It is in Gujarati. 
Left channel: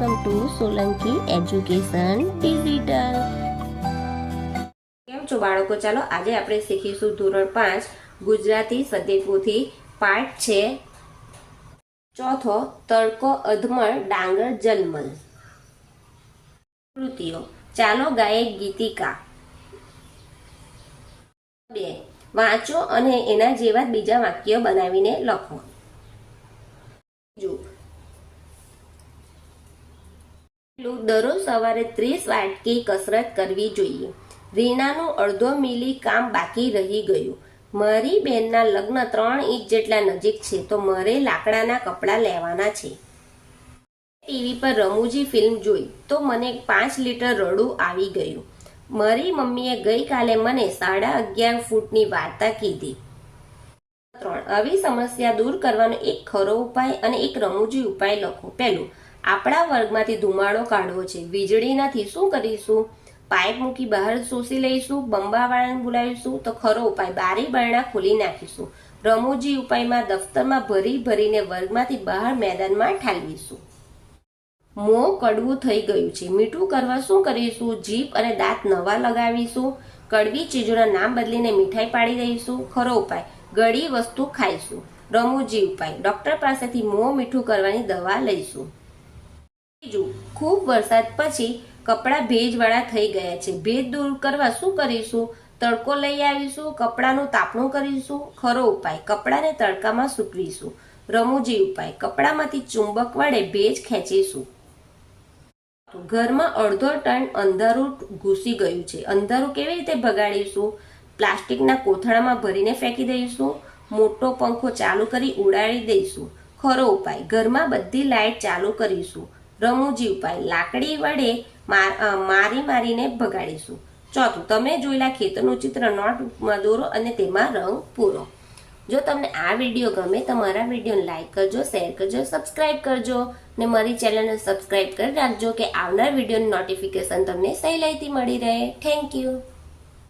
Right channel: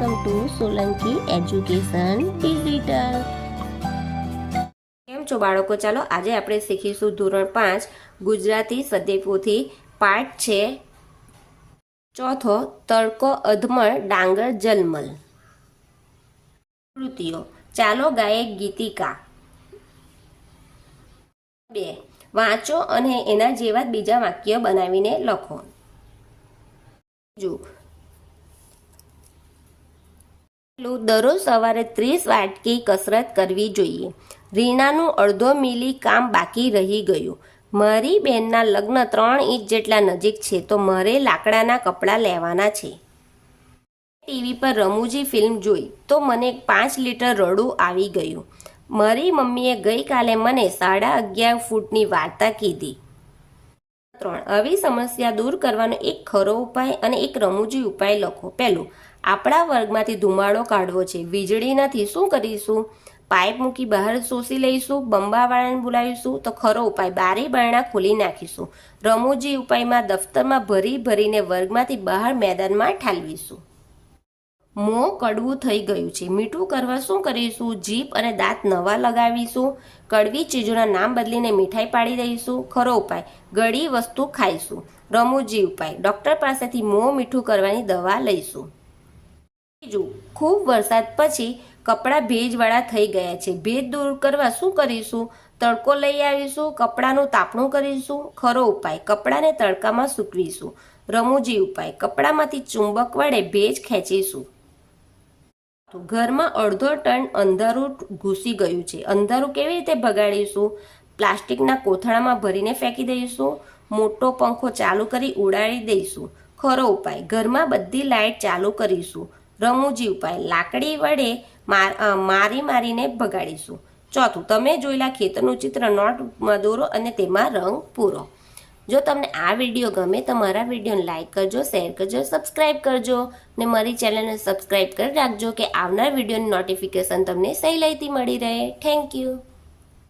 Welcome to Solanki education digital. કેમ છો બાળકો? ચાલો આજે આપણે શીખીશું ધોરણ 5 ગુજરાતી સદ્યપોથી પાઠ છે ચોથો, તડકો અધમર ડાંગર જલમલ। કૃતિઓ: ચાલો ગાયે ગીતિકા। 2. વાંચો અને એના જેવા બીજા વાક્ય બનાવીને લખો। દરરોજ સવારે 30 વાટકી કસરત કરવી જોઈએ। રીનાનું અડધો મિલી કામ બાકી રહી ગયું। મારી બેનના લગ્ન 3 ઇંચ જેટલા નજીક છે તો મારે લાકડાના કપડાં લેવાના છે। ટીવી પર રમૂજી ફિલ્મ જોઈ તો મને 5 લીટર રડું આવી ગયું। મારી મમ્મીએ ગઈકાલે મને 11.5 ફૂટની વાર્તા કીધી। 3. આવી સમસ્યા દૂર કરવાનો એક ખરો ઉપાય અને એક રમૂજી ઉપાય લખો। પહેલું, આપણા વર્ગમાંથી ધુમાડો કાઢવો છે, વીજળી નથી, શું કરીશું? પાઇપ મૂકી બહાર શોષી લઈશું, બંબાવાળાને બોલાવીશું। તો ખરો ઉપાય, બારી બારણા ખોલી નાખીશું। રમૂજી ઉપાયમાં દફતરમાં ભરીને વર્ગમાંથી બહાર મેદાનમાં ઠાલવીશું। મોં કડવું થઈ ગયું છે, મીઠું કરવા શું કરીશું? જીભ અને દાંત નવા લગાવીશું। કડવી ચીજોના નામ બદલીને મીઠાઈ પાડી દઈશું। ખરો ઉપાય, ગળી વસ્તુ ખાઈશું। રમૂજી ઉપાય, ડોક્ટર પાસેથી મોં મીઠું કરવાની દવા લઈશું। બીજું, ખૂબ વરસાદ પછી કપડાં ભેજવાળા થઈ ગયા છે, ભેજ દૂર કરવા શું કરીશું? તડકો લઈ આવીશું, કપડાનું તાપણું કરીશું। ખરો ઉપાય, કપડાને તડકામાં સૂકવીશું। રમૂજી ઉપાય, કપડામાંથી ચુંબક વડે ભેજ ખેંચીશું। ઘરમાં અડધો ટન અંધારું ઘૂસી ગયું છે, અંધારું કેવી રીતે ભગાડીશું? પ્લાસ્ટિકના કોથળામાં ભરીને ફેંકી દઈશું, મોટો પંખો ચાલુ કરી ઉડાડી દઈશું। ખરો ઉપાય, ઘરમાં બધી લાઇટ ચાલુ કરીશું। રમૂજી ઉપાય, લાકડી વડે મારીને ભગાડીશું। ચોથું, તમે જોયેલા ખેતરનું ચિત્ર નોટબુકમાં દોરો અને તેમાં રંગ પૂરો। જો તમને આ વિડીયો ગમે તો મારા વિડીયોને લાઇક કરજો, શેર કરજો, સબસ્ક્રાઇબ કરજો ને મારી ચેનલને સબસ્ક્રાઇબ કરી રાખજો કે આવનાર વિડીયોની નોટિફિકેશન તમને સહેલાઈથી મળી રહે। Thank you.